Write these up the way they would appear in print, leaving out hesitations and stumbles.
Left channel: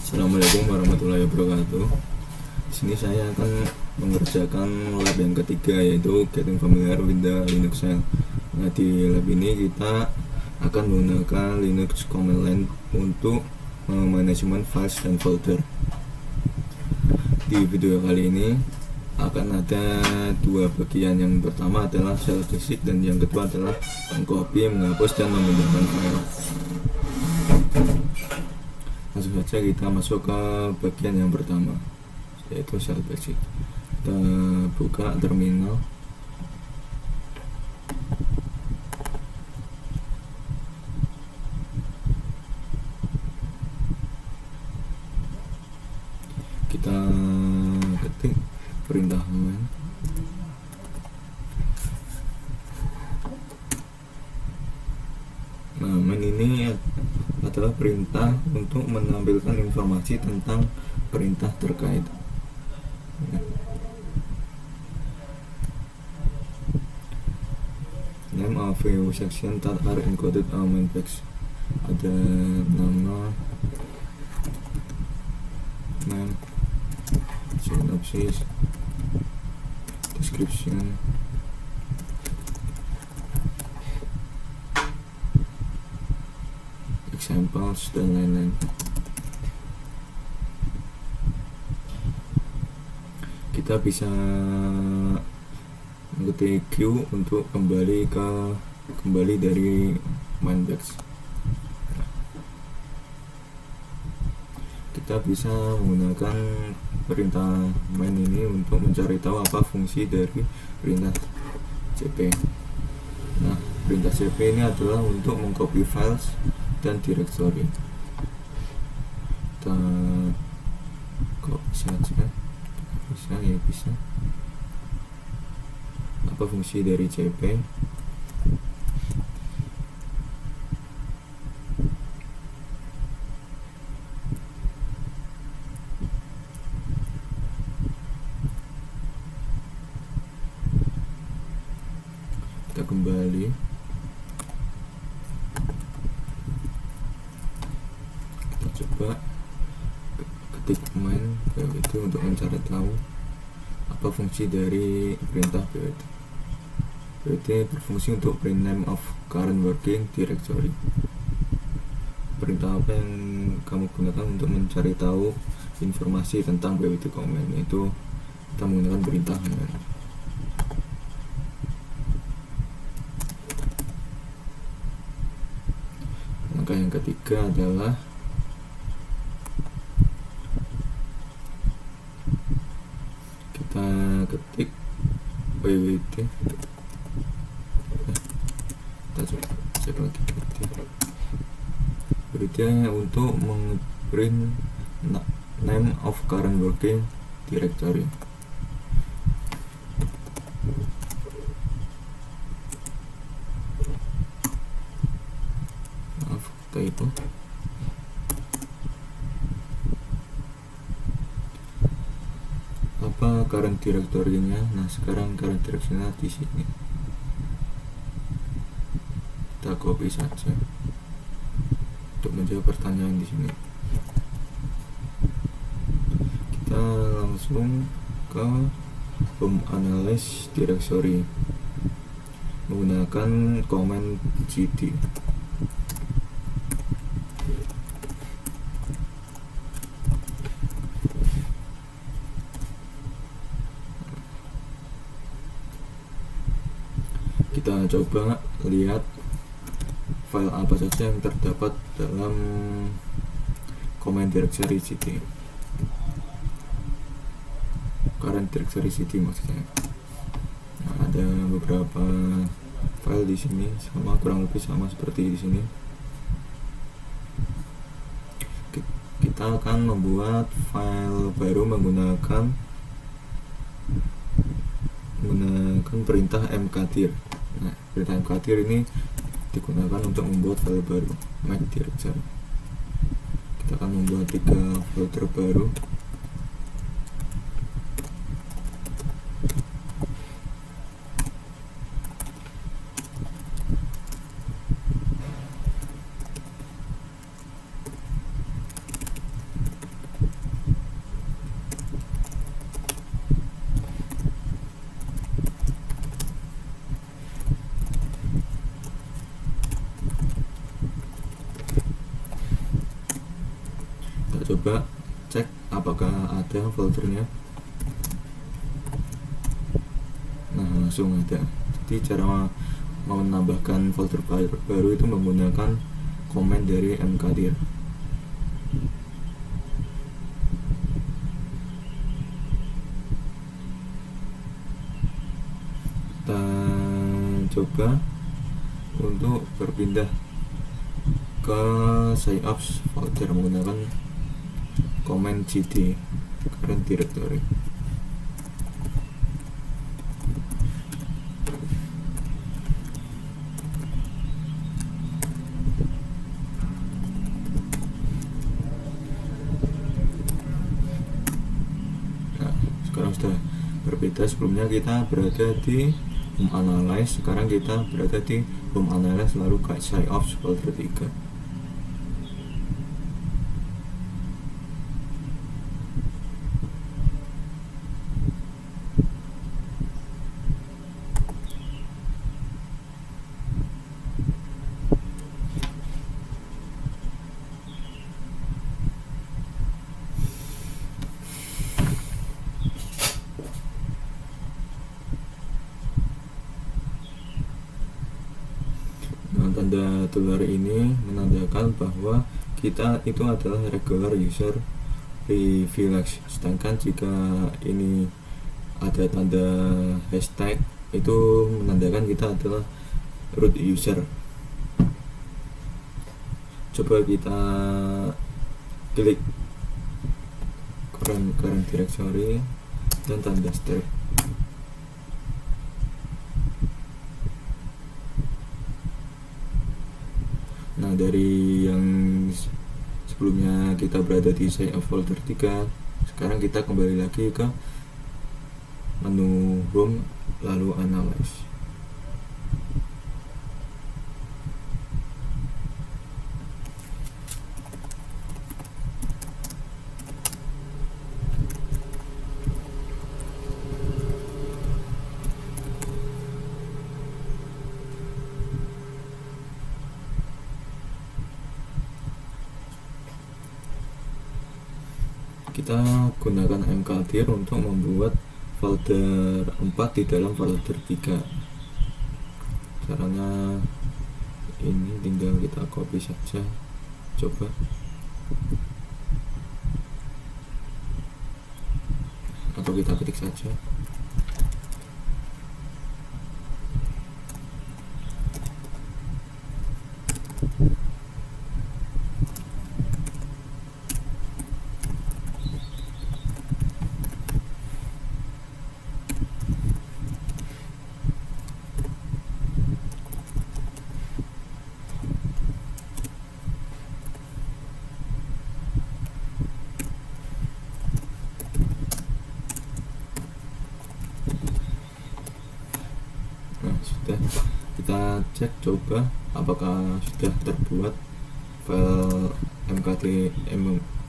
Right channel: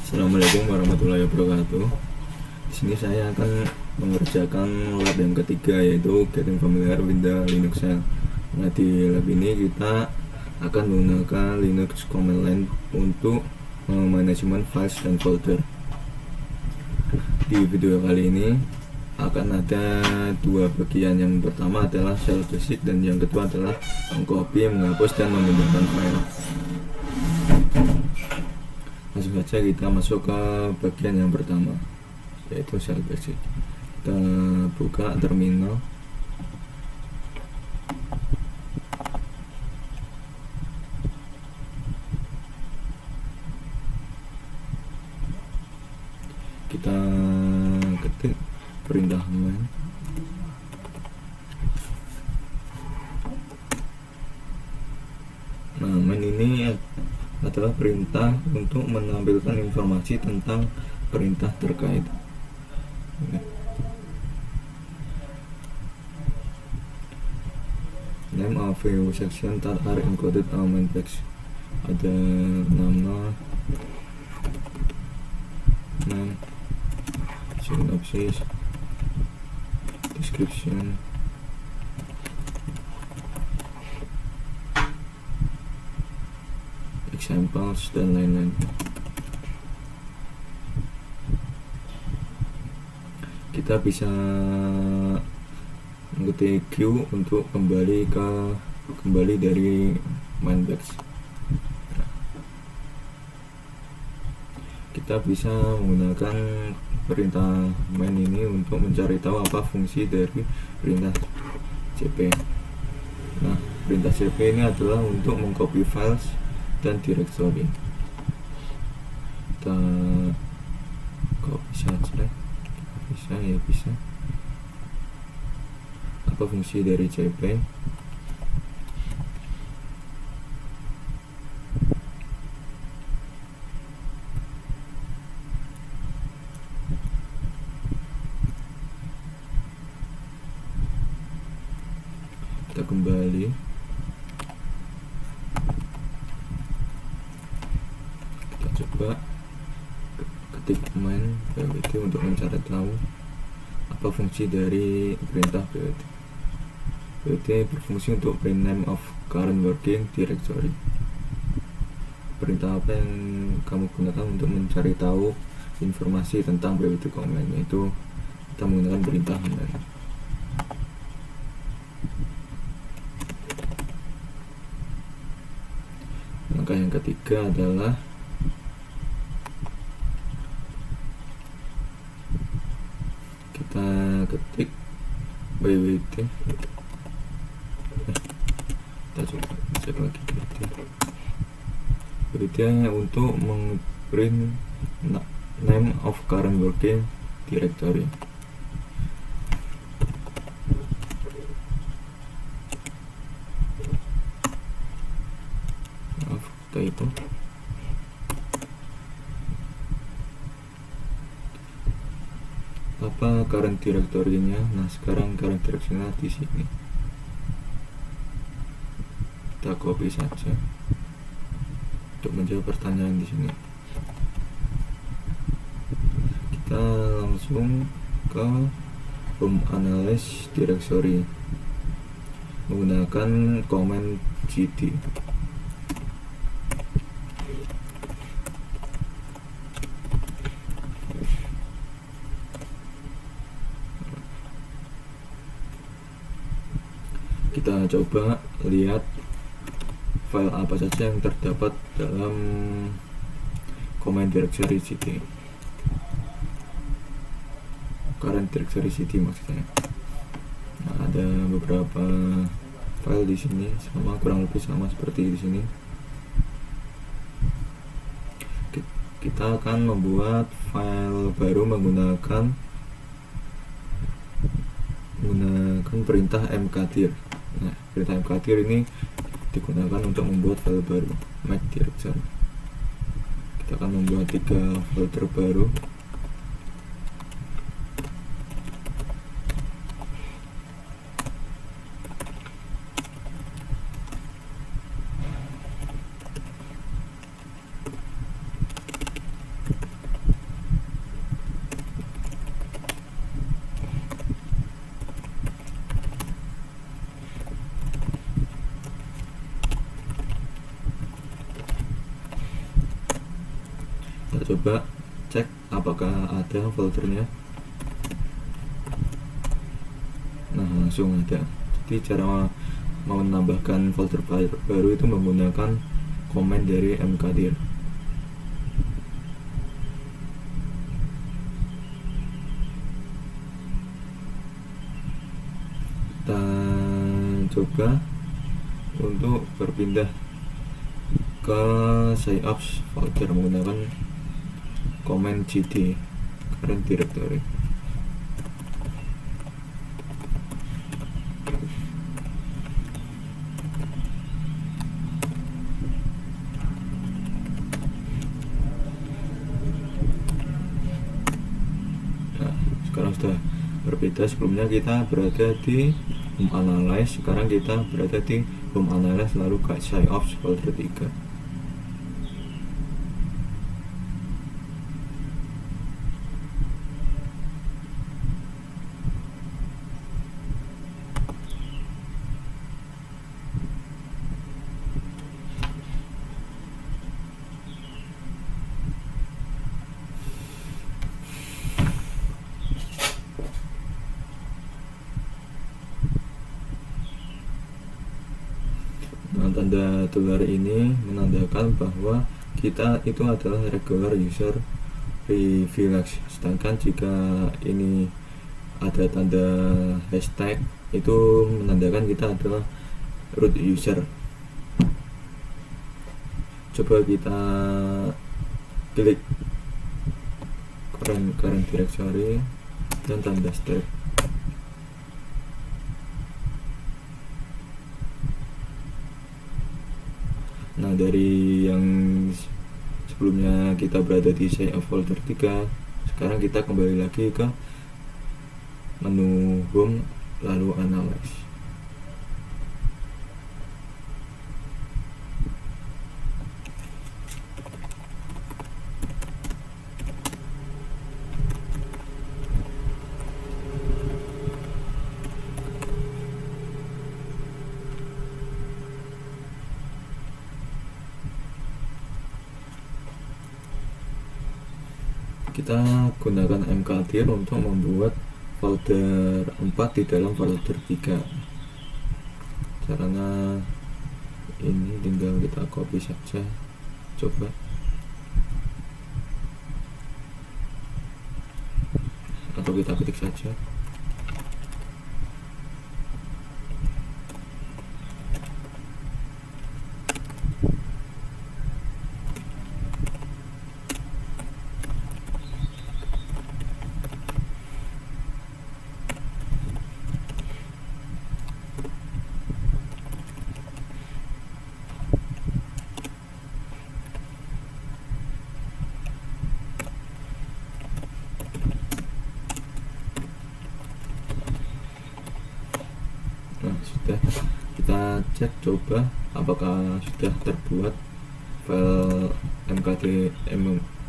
Assalamualaikum warahmatullahi wabarakatuh. Di sini saya akan mengerjakan lab yang ketiga, yaitu Getting Familiar with the Linux Shell. Nah, di lab ini kita akan menggunakan Linux command line untuk manajemen files dan folder. Di video kali ini akan ada dua bagian. Yang pertama adalah shell basic dan yang kedua adalah mengcopy, menghapus, dan memindahkan file. Langsung saja kita masuk ke bagian yang pertama, yaitu shell basic. Kita buka terminal. Kita ketik perintah man. Nah, man ini adalah perintah untuk menampilkan informasi tentang perintah terkait. Name of few section that are encoded on main text. Ada nama, name, synopsis, description, examples, dan lain-lain. Kita bisa mengetik Q untuk kembali dari main text. Kita bisa menggunakan perintah main ini untuk mencari tahu apa fungsi dari perintah cp. Nah, perintah cp ini adalah untuk mengcopy files dan directory. Kita copy saja, bisa. Apa fungsi dari cp? Kita kembali. Kita coba ketik main pwt untuk mencari tahu apa fungsi dari perintah pwt. Pwt berfungsi untuk print name of current working directory. Perintah apa yang kamu gunakan untuk mencari tahu informasi tentang pwt command? Itu kita menggunakan perintah man. Langkah yang ketiga adalah kita ketik pwt. Kita coba cek lagi pwt untuk mengprint name of current working directory. Maaf, itu apa current directory-nya. Nah, sekarang current directory-nya di sini. Kita copy saja untuk menjawab pertanyaan di sini. Kita langsung ke home analyze directory menggunakan command cd. Kita coba lihat file apa saja yang terdapat dalam command directory cd, current directory cd maksudnya. Nah, ada beberapa file di sini, kurang lebih sama seperti di sini. Kita akan membuat file baru menggunakan perintah mkdir. Nah, perintah mkdir ini digunakan untuk membuat file baru, make directory. Kita akan membuat 3 folder baru. kita coba cek apakah ada foldernya. Nah, langsung ada. Jadi cara menambahkan folder baru itu menggunakan komen dari mkdir. Kita coba untuk berpindah ke SciOps folder menggunakan komen gd current directory. Nah, sekarang sudah berbeda. Sebelumnya kita berada di home analyze, sekarang kita berada di home analyze lalu ke SciOps folder 3. Nah, tanda dolar ini menandakan bahwa kita itu adalah regular user privilege. Sedangkan jika ini ada tanda hashtag, itu menandakan kita adalah root user. Coba kita klik current directory dan tanda strip. Nah, dari yang sebelumnya kita berada di SciOps folder 3, sekarang kita kembali lagi ke menu home lalu analyze. Kita gunakan mkdir untuk membuat folder 4 di dalam folder 3. Caranya ini tinggal kita copy saja, coba. Atau kita ketik saja. Nah, sudah. Kita cek coba apakah sudah terbuat file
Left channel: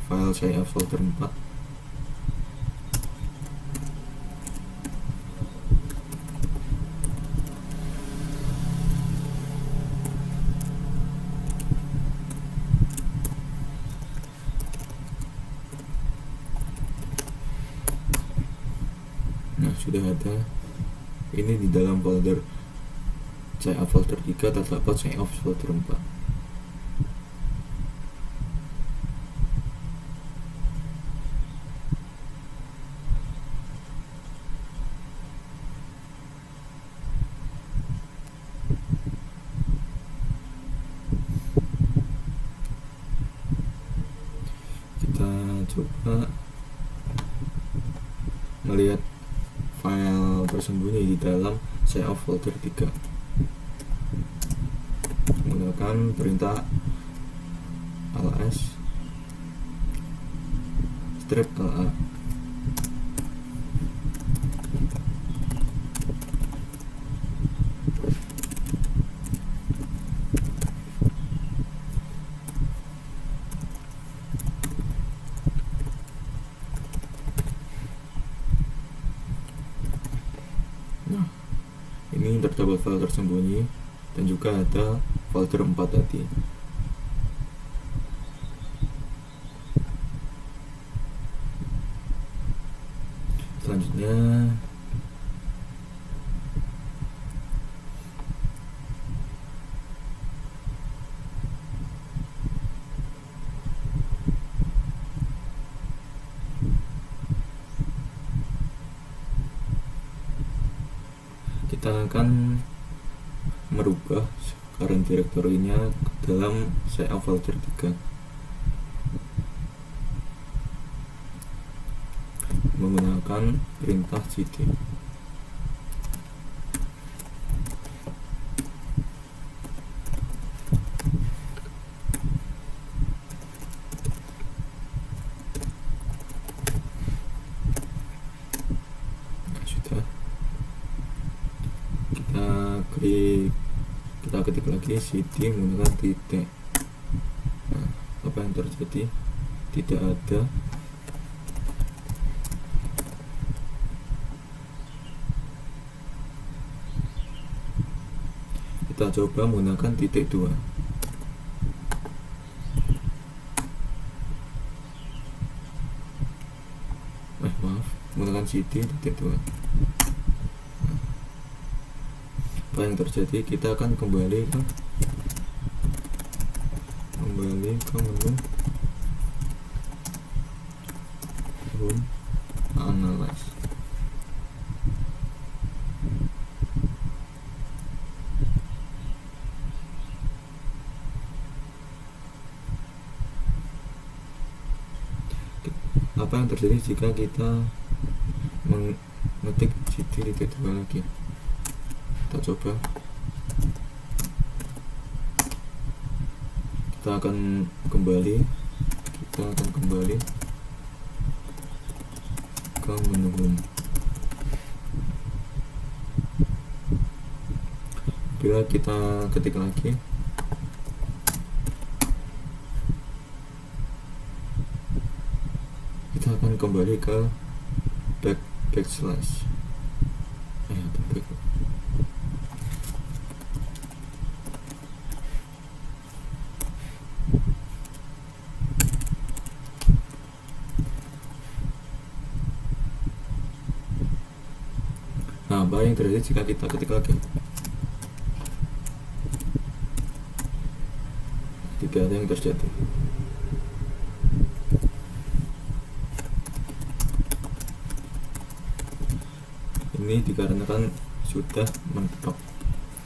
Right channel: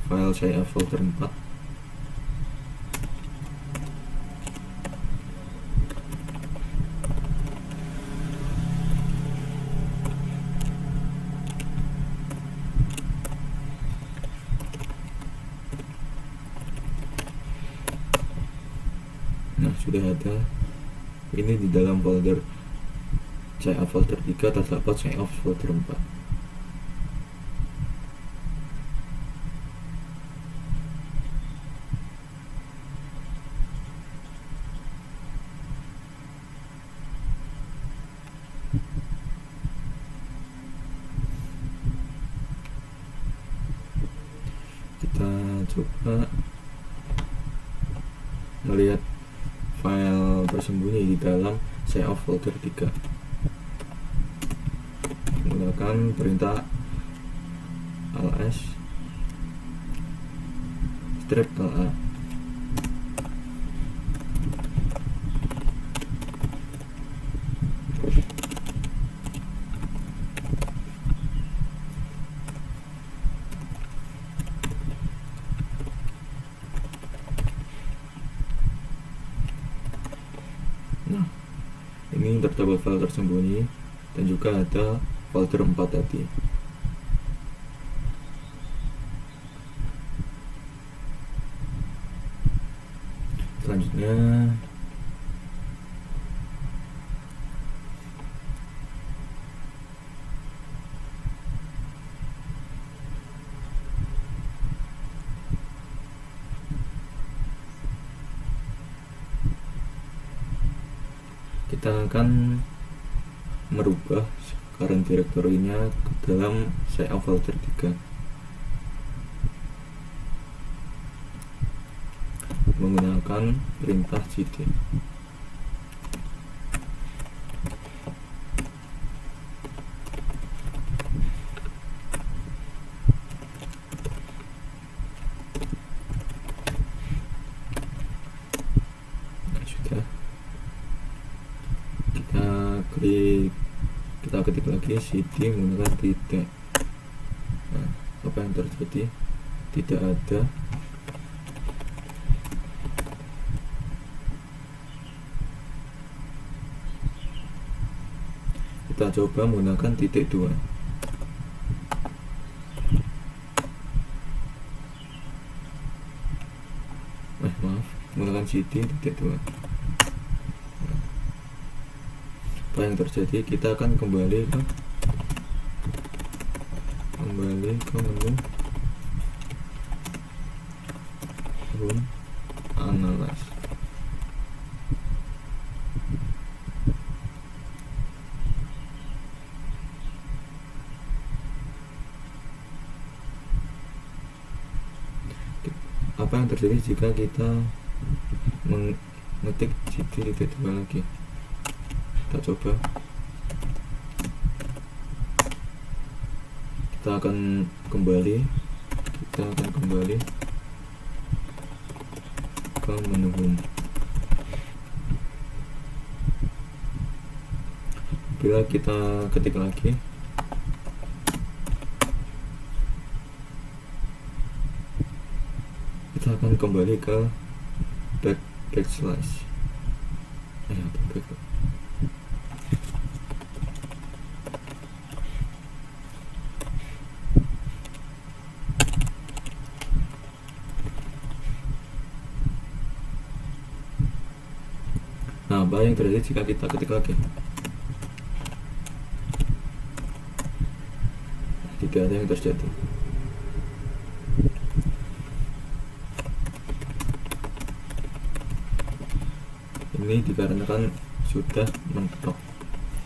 file SciOps folder 4. Nah, sudah ada. Ini di dalam folder SciOps folder 3 terdapat SciOps folder 4. Kita coba melihat file tersembunyi di dalam SciOps folder 3 menggunakan perintah ls strip la. Nah, ini terdapat file tersembunyi dan juga ada folder 4 tadi. Selanjutnya kita akan merubah current directory-nya ke dalam CA folder 3 menggunakan perintah cd. Nah, sudah, kita ketik lagi cd menggunakan titik. Nah, apa yang terjadi? Tidak ada. Kita coba menggunakan titik 2. Maaf, menggunakan cd titik 2. Nah, apa yang terjadi? Kita akan kembali ke menu home analyze. Apa yang terjadi jika kita mengetik cd titik 2 lagi? Kita coba. Kita akan kembali ke menu home. Bila kita ketik lagi, kita akan kembali ke backslash atau back. Nah, apa yang terjadi jika kita ketik lagi? Tidak ada yang terjadi. Ini dikarenakan sudah mentok,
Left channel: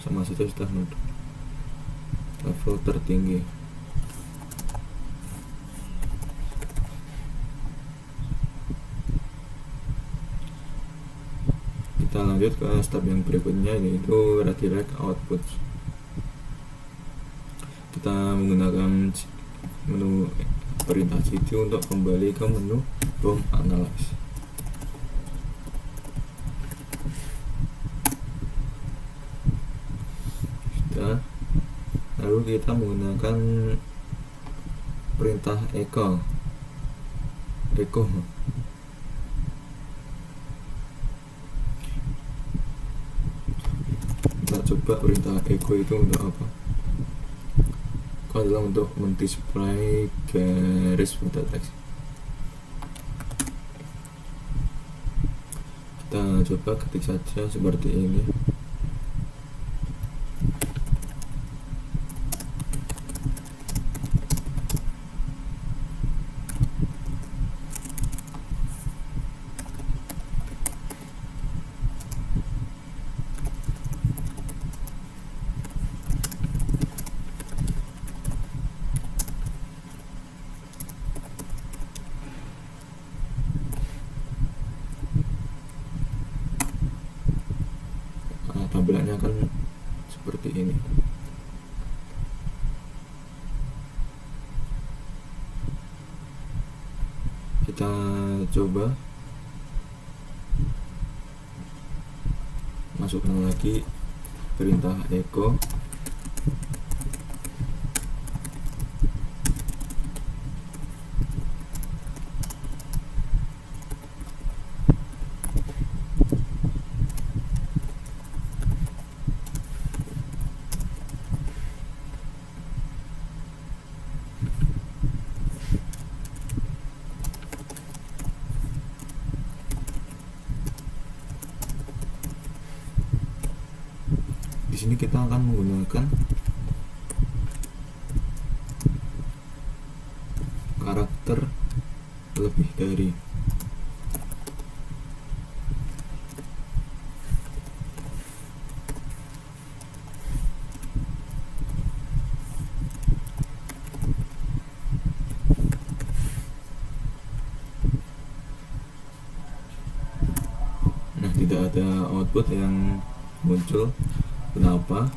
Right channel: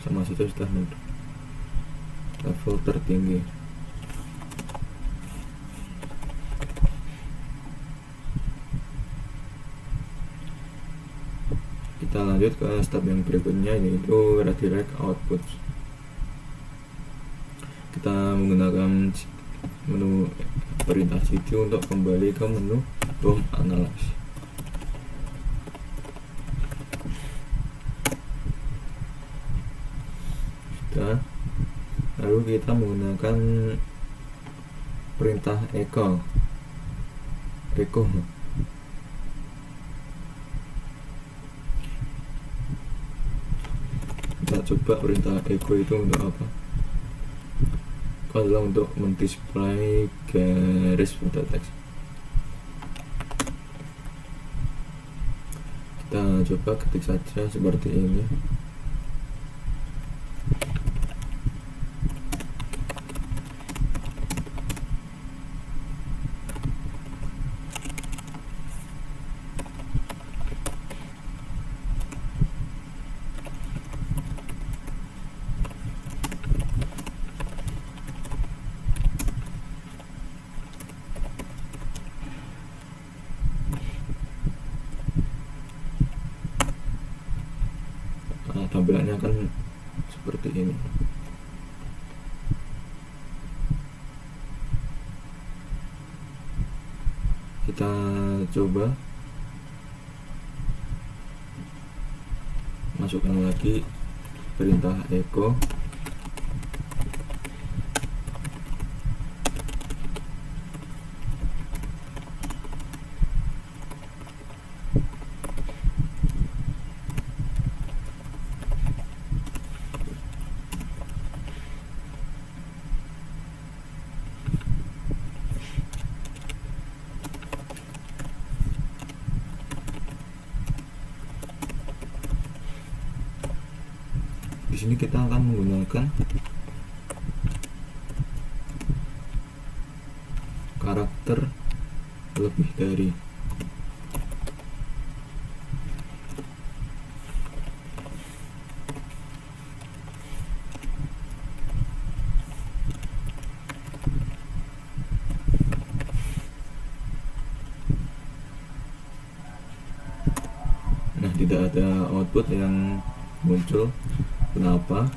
sama saja sudah mentok level tertinggi. Kita lanjut ke step yang berikutnya, yaitu redirect output. Kita menggunakan menu perintah cd untuk kembali ke menu home analyze. Lalu kita menggunakan perintah echo. Kita coba perintah echo itu untuk apa? Itu adalah untuk mendisplay garis pada teks. Kita coba ketik saja seperti ini. Tampilannya akan seperti ini. Kita coba masukkan lagi perintah echo. sini kita akan menggunakan karakter lebih dari. Nah, tidak ada output yang muncul. Kenapa?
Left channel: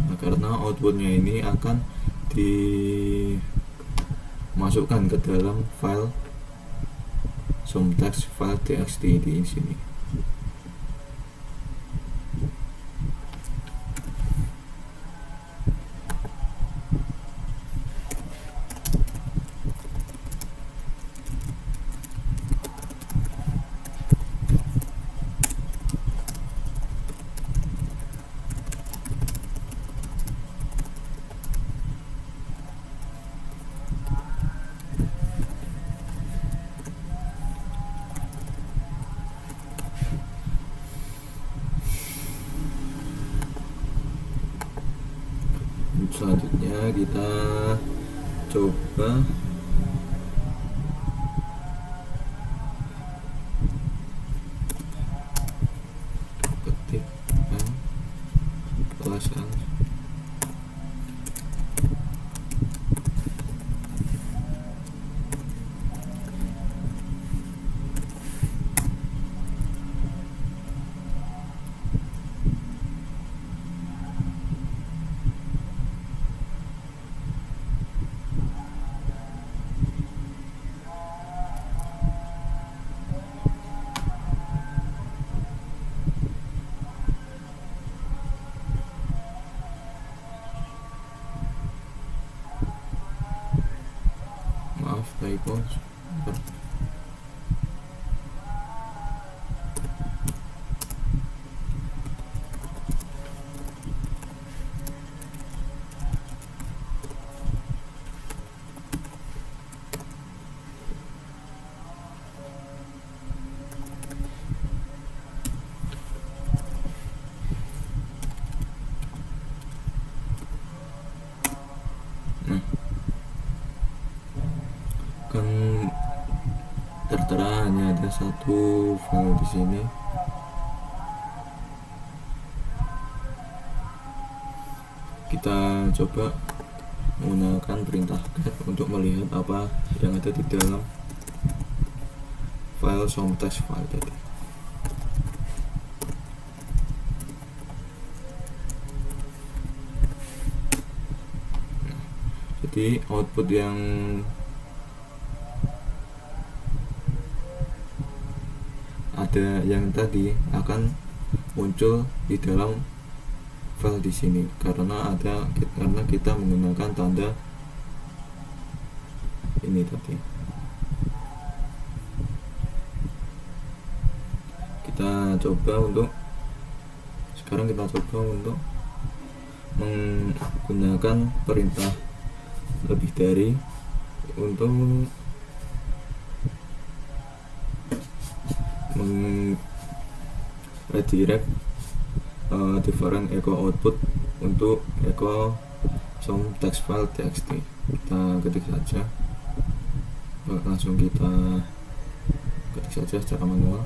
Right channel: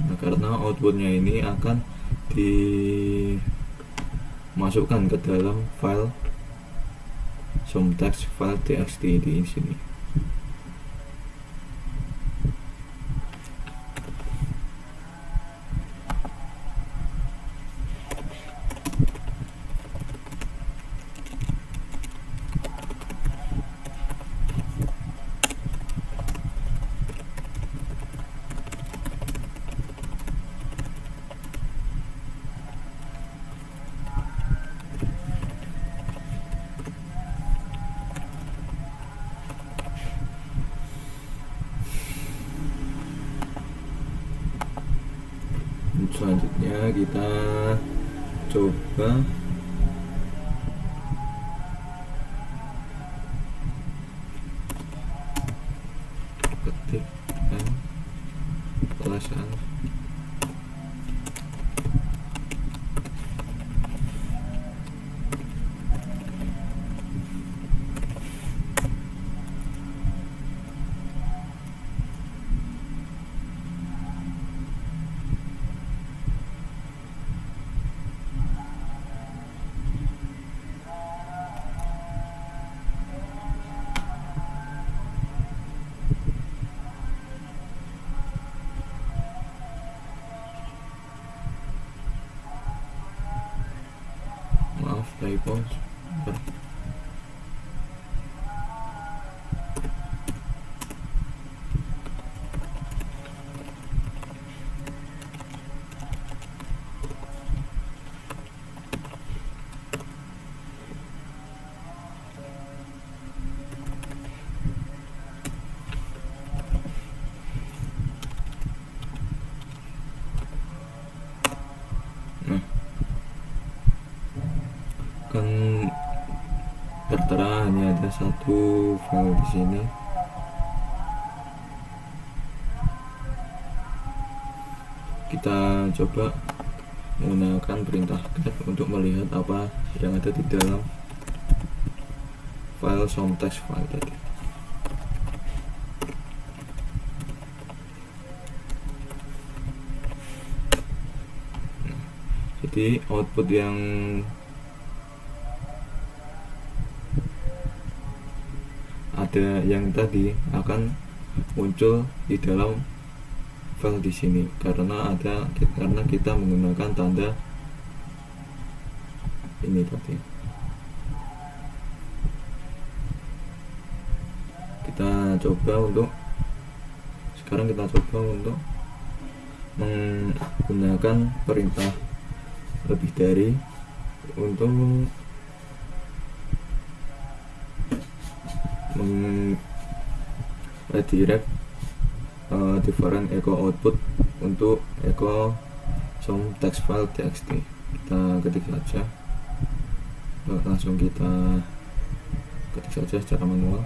Nah, karena outputnya ini akan dimasukkan ke dalam file somtext file txt di sini. Selanjutnya kita coba ketik +L. Maaf, typo. Nah, kan tertera hanya ada satu file di sini. Kita coba menggunakan perintah get untuk melihat apa yang ada di dalam file somtext file tadi. Jadi output yang ada yang tadi akan muncul di dalam file di sini karena kita menggunakan tanda ini tadi. Sekarang kita coba untuk menggunakan perintah lebih dari untuk redirect different echo output untuk echo somtext file txt. Kita ketik saja, langsung kita ketik saja secara manual.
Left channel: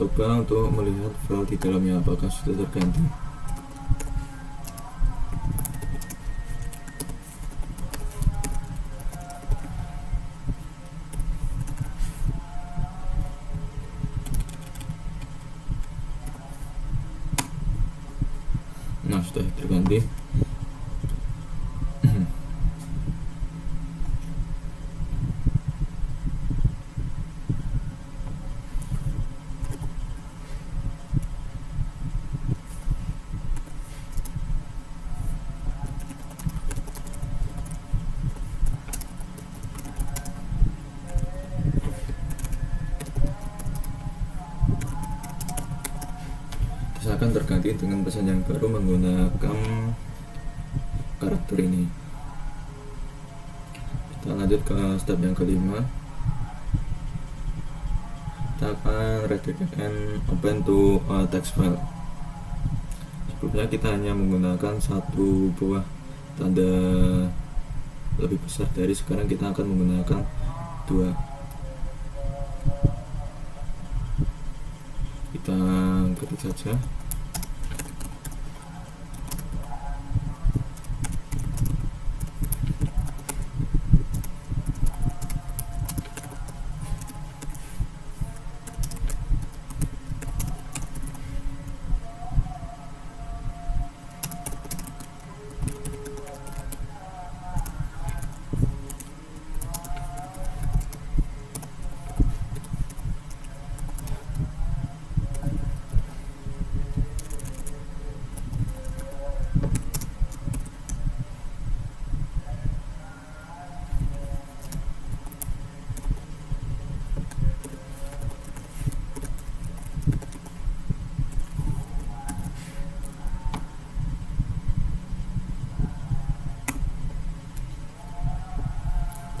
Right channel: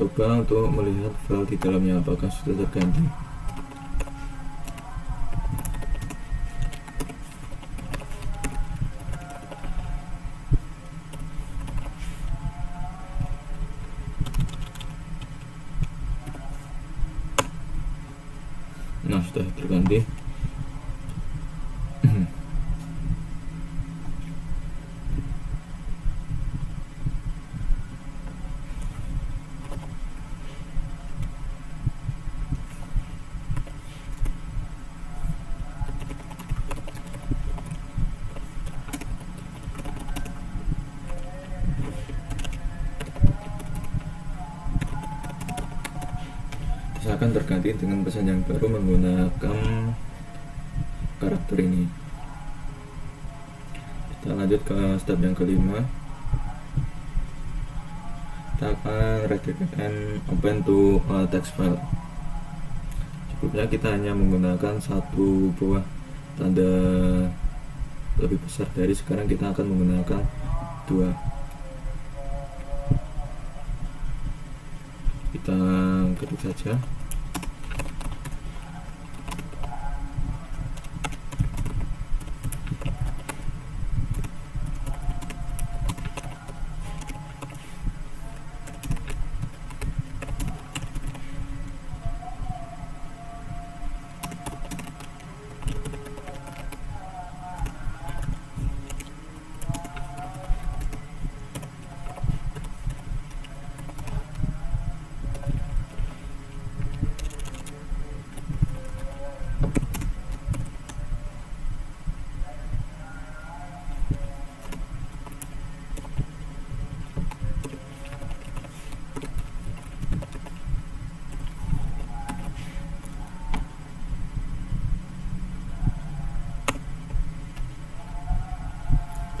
coba untuk melihat file di dalamnya apakah sudah terganti. Nah, sudah terganti. Akan terganti dengan pesan yang baru menggunakan karakter ini. Kita lanjut ke step yang kelima. Kita akan redirect and open to text file. Sebelumnya kita hanya menggunakan satu buah tanda lebih besar dari, sekarang kita akan menggunakan dua. Kita ketik saja.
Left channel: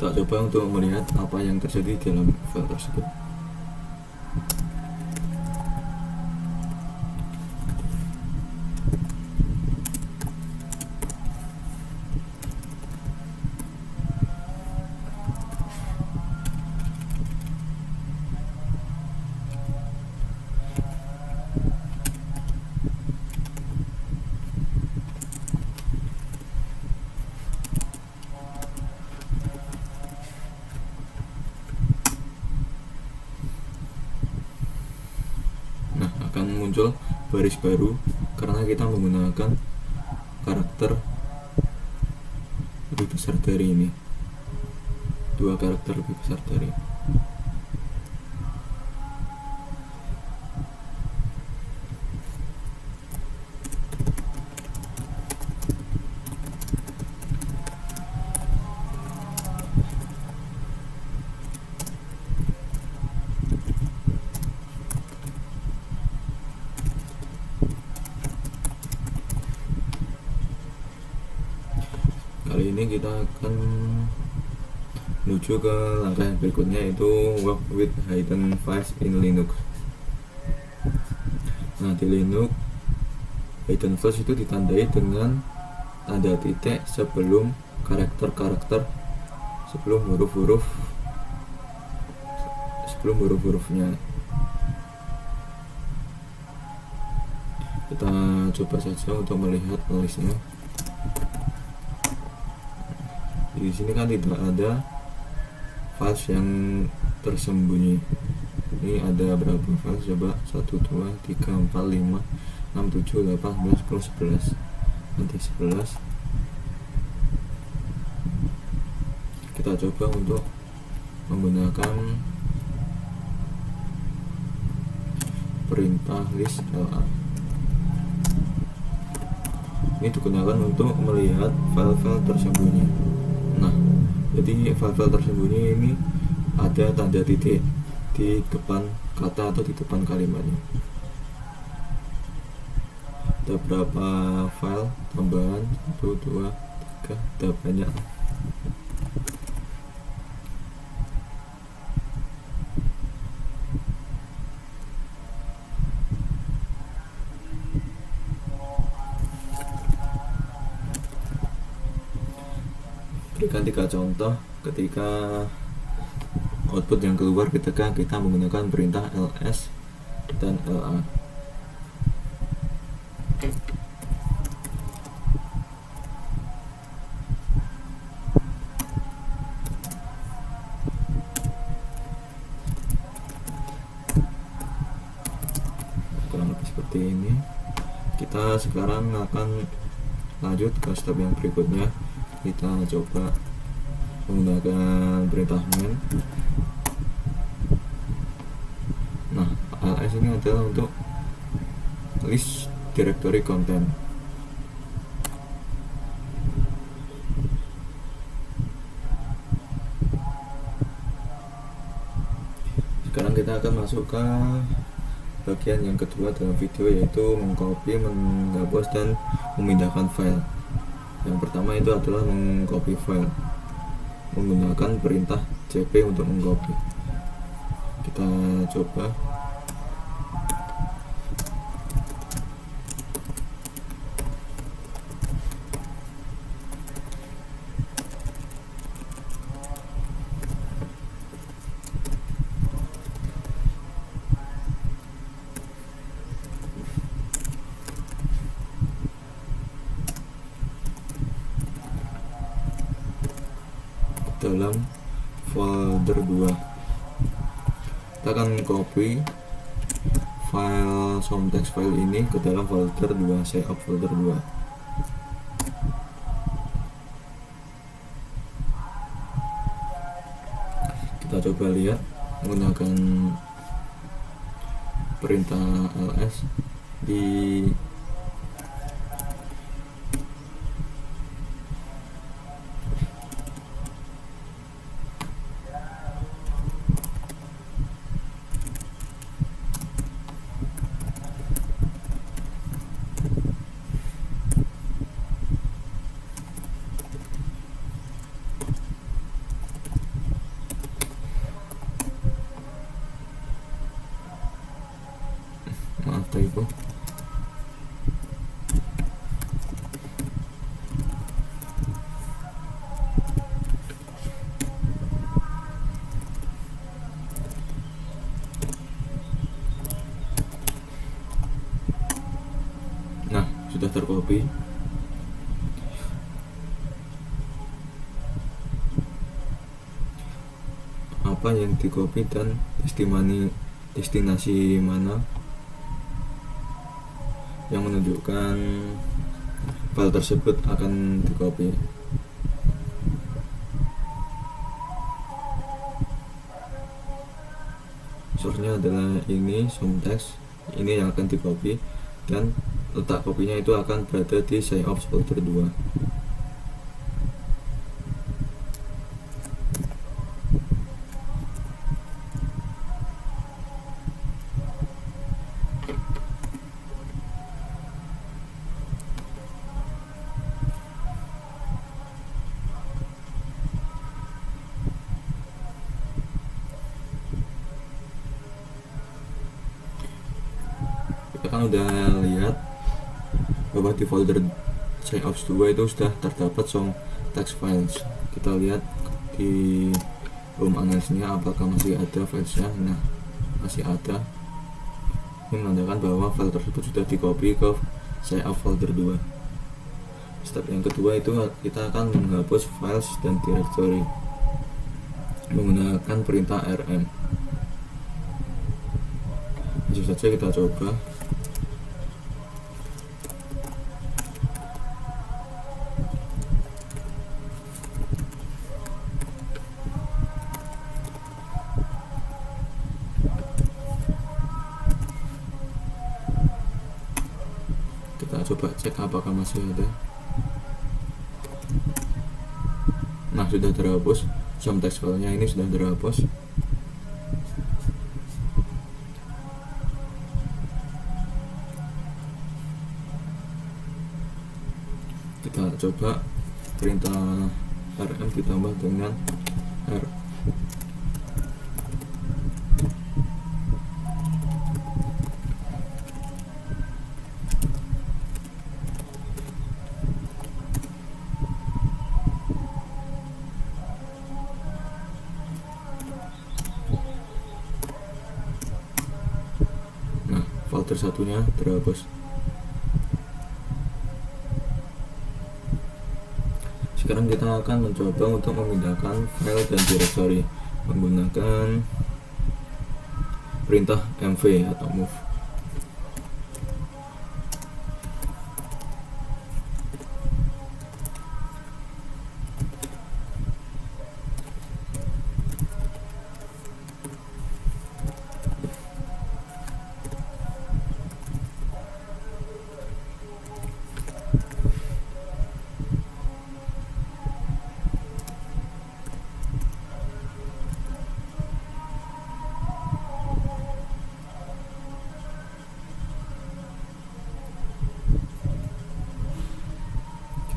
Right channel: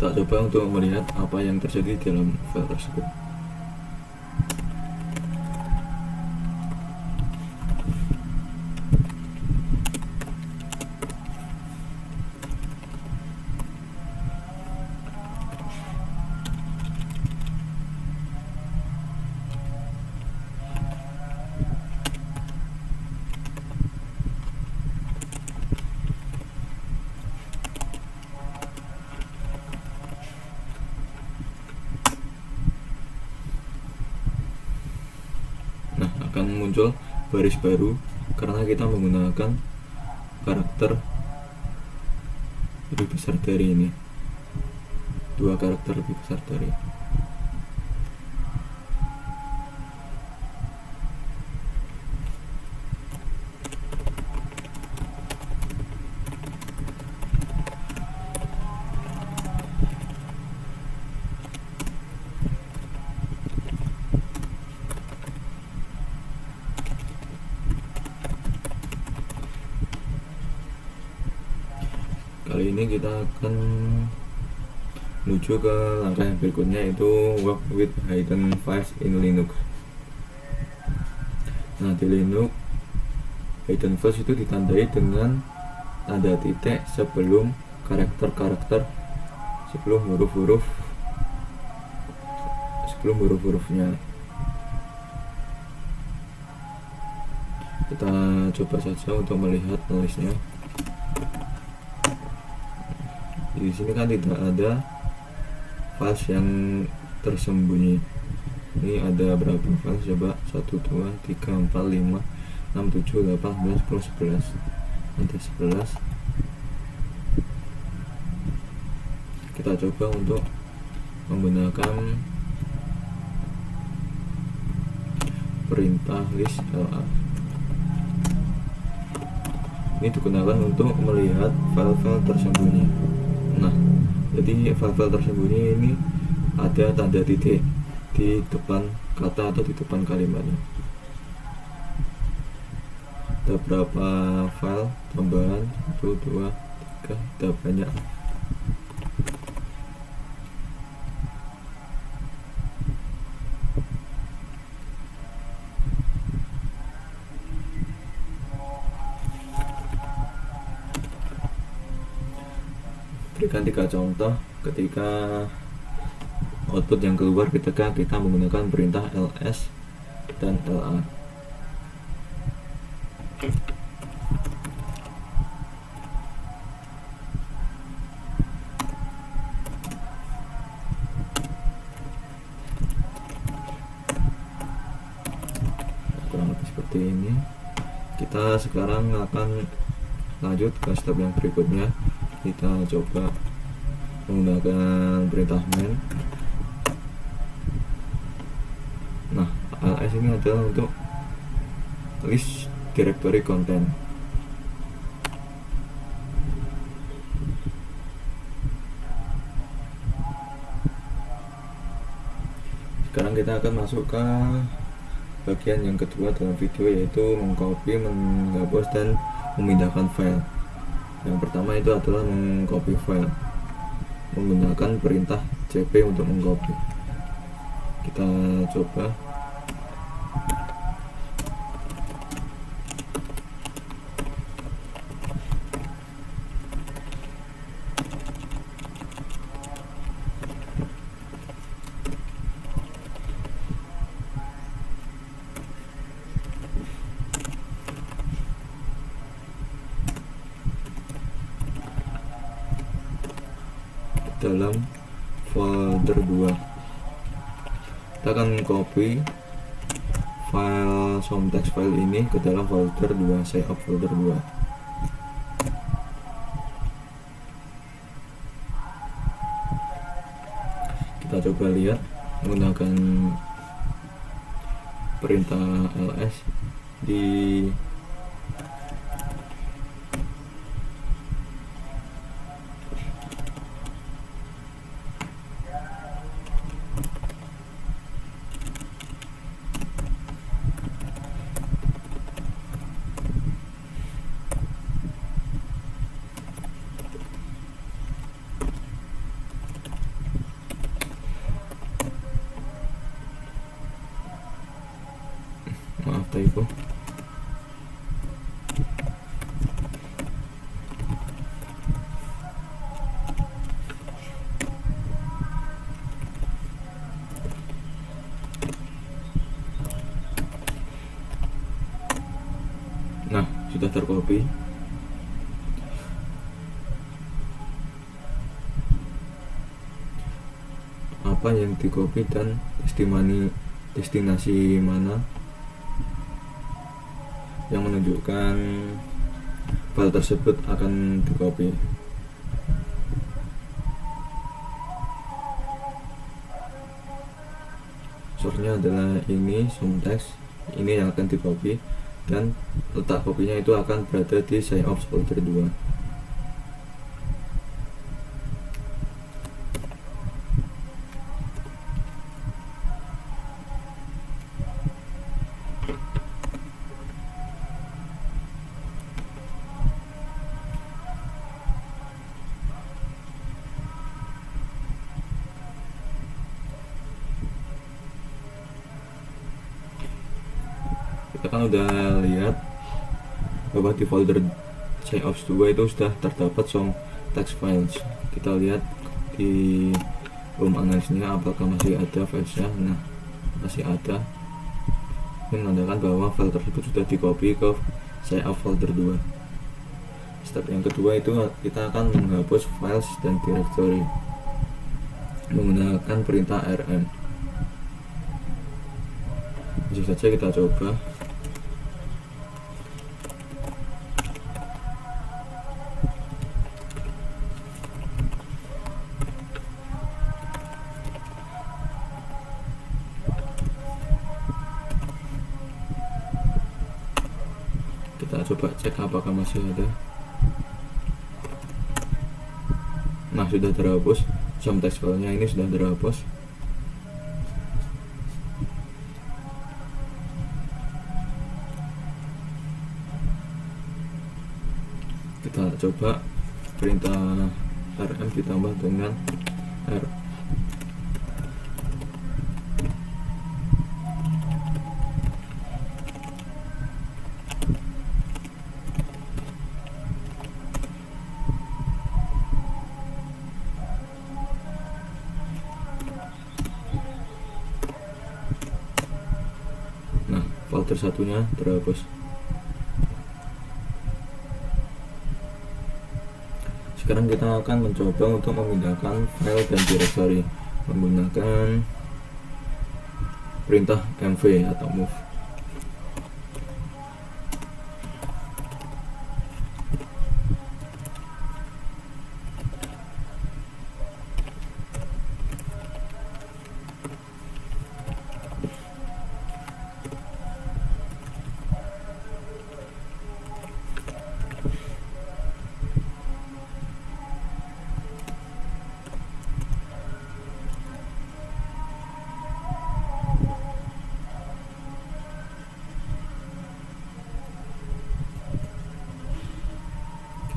Kita coba untuk melihat apa yang terjadi dalam file tersebut. Akan muncul baris baru karena kita menggunakan karakter lebih besar dari ini, dua karakter lebih besar dari. Kali ini kita akan menuju ke langkah yang berikutnya, yaitu work with hidden files in Linux. Nah, di Linux hidden files itu ditandai dengan tanda titik sebelum karakter-karakter, sebelum huruf-hurufnya. Kita coba saja untuk melihat listnya. Di sini kan tidak ada files yang tersembunyi. Ini ada berapa files? Coba 1, 2, 3, 4, 5, 6, 7, 8, 9, 10, 11. Nanti 11. Kita coba untuk menggunakan perintah list LA. Ini digunakan untuk melihat file-file tersembunyi. Nah, jadi file-file tersembunyi ini ada tanda titik di depan kata atau di depan kalimatnya. Ada berapa file tambahan? 1, 2, 3, ada banyak. Berikan 3 contoh ketika output yang keluar ketika kita menggunakan perintah ls dan LA. Kurang lebih seperti ini. Kita sekarang akan lanjut ke step yang berikutnya. Kita coba menggunakan perintah main. Nah, ls ini adalah untuk list directory content. Sekarang kita akan masuk ke bagian yang kedua dalam video, yaitu mengcopy, menghapus, dan memindahkan file. Yang pertama itu adalah mengcopy file menggunakan perintah cp untuk mengcopy. Kita coba. Dalam folder 2 kita akan copy file somtext file ini ke dalam folder 2, save folder 2. Kita coba lihat menggunakan perintah ls di maaf typo. Nah, sudah tercopy. Apa yang di-copy dan destinasi mana yang menunjukkan file tersebut akan di-copy. Source-nya adalah ini, somtext, ini yang akan di-copy, dan letak kopinya itu akan berada di save folder 2. Kita kan udah lihat bahwa di folder save 2 itu sudah terdapat some text files. Kita lihat di home analysnya apakah masih ada filesnya. Nah, masih ada. Ini menandakan bahwa file tersebut sudah di copy ke save folder 2. Step yang kedua itu kita akan menghapus files dan directory menggunakan perintah rm. Langsung saja kita coba. Kita coba cek apakah masih ada. Nah, sudah terhapus. Somtext filenya ini sudah terhapus. Kita coba perintah rm ditambah dengan r. Nah, folder satunya terhapus. Sekarang kita akan mencoba untuk memindahkan file dan directory menggunakan perintah mv atau move.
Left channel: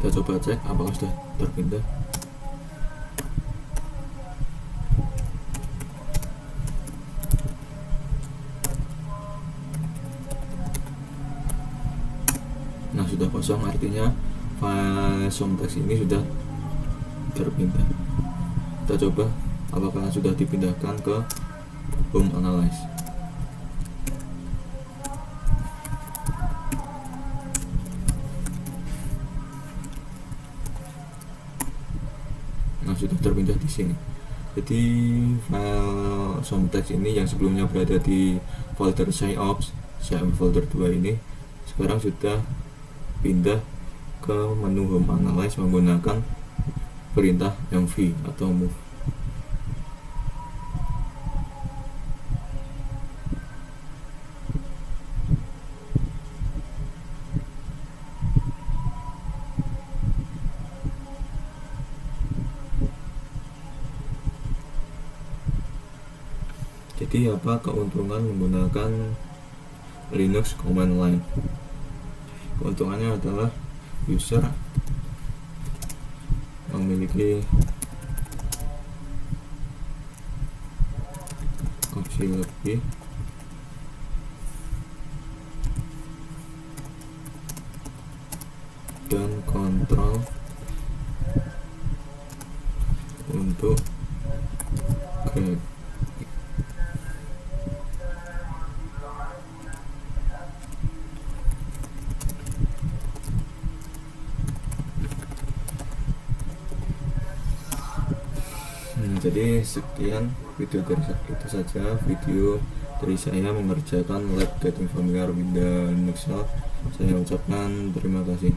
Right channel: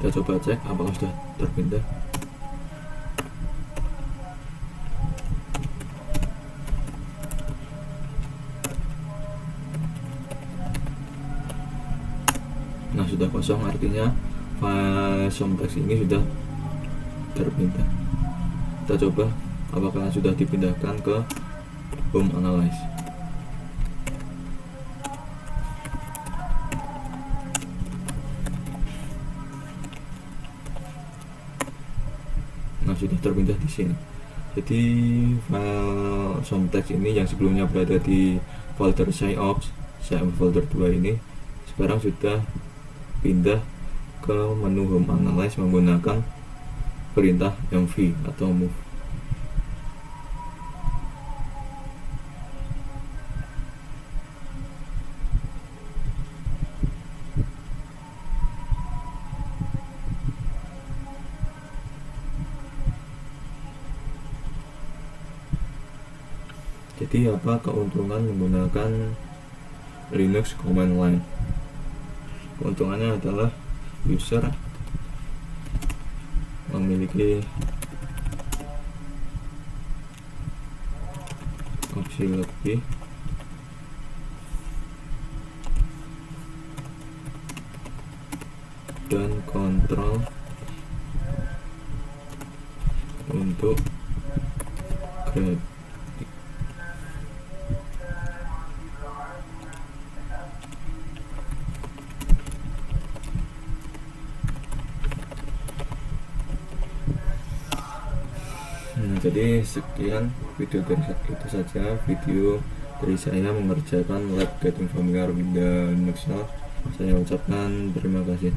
Kita coba cek apakah sudah terpindah. Nah, sudah kosong, artinya file somtext ini sudah terpindah. Kita coba apakah sudah dipindahkan ke home analyze. Nah, sudah terpindah di sini. Jadi file somtext ini yang sebelumnya berada di folder SciOps, folder 2 ini sekarang sudah pindah ke menu home analyze menggunakan perintah mv atau move. Jadi apa keuntungan menggunakan Linux command line? Keuntungannya adalah user memiliki opsi lebih dan kontrol untuk grafik. Jadi sekian video dari itu saja, video dari saya mengerjakan lab getting familiar with the Linux. Saya ucapkan terima kasih.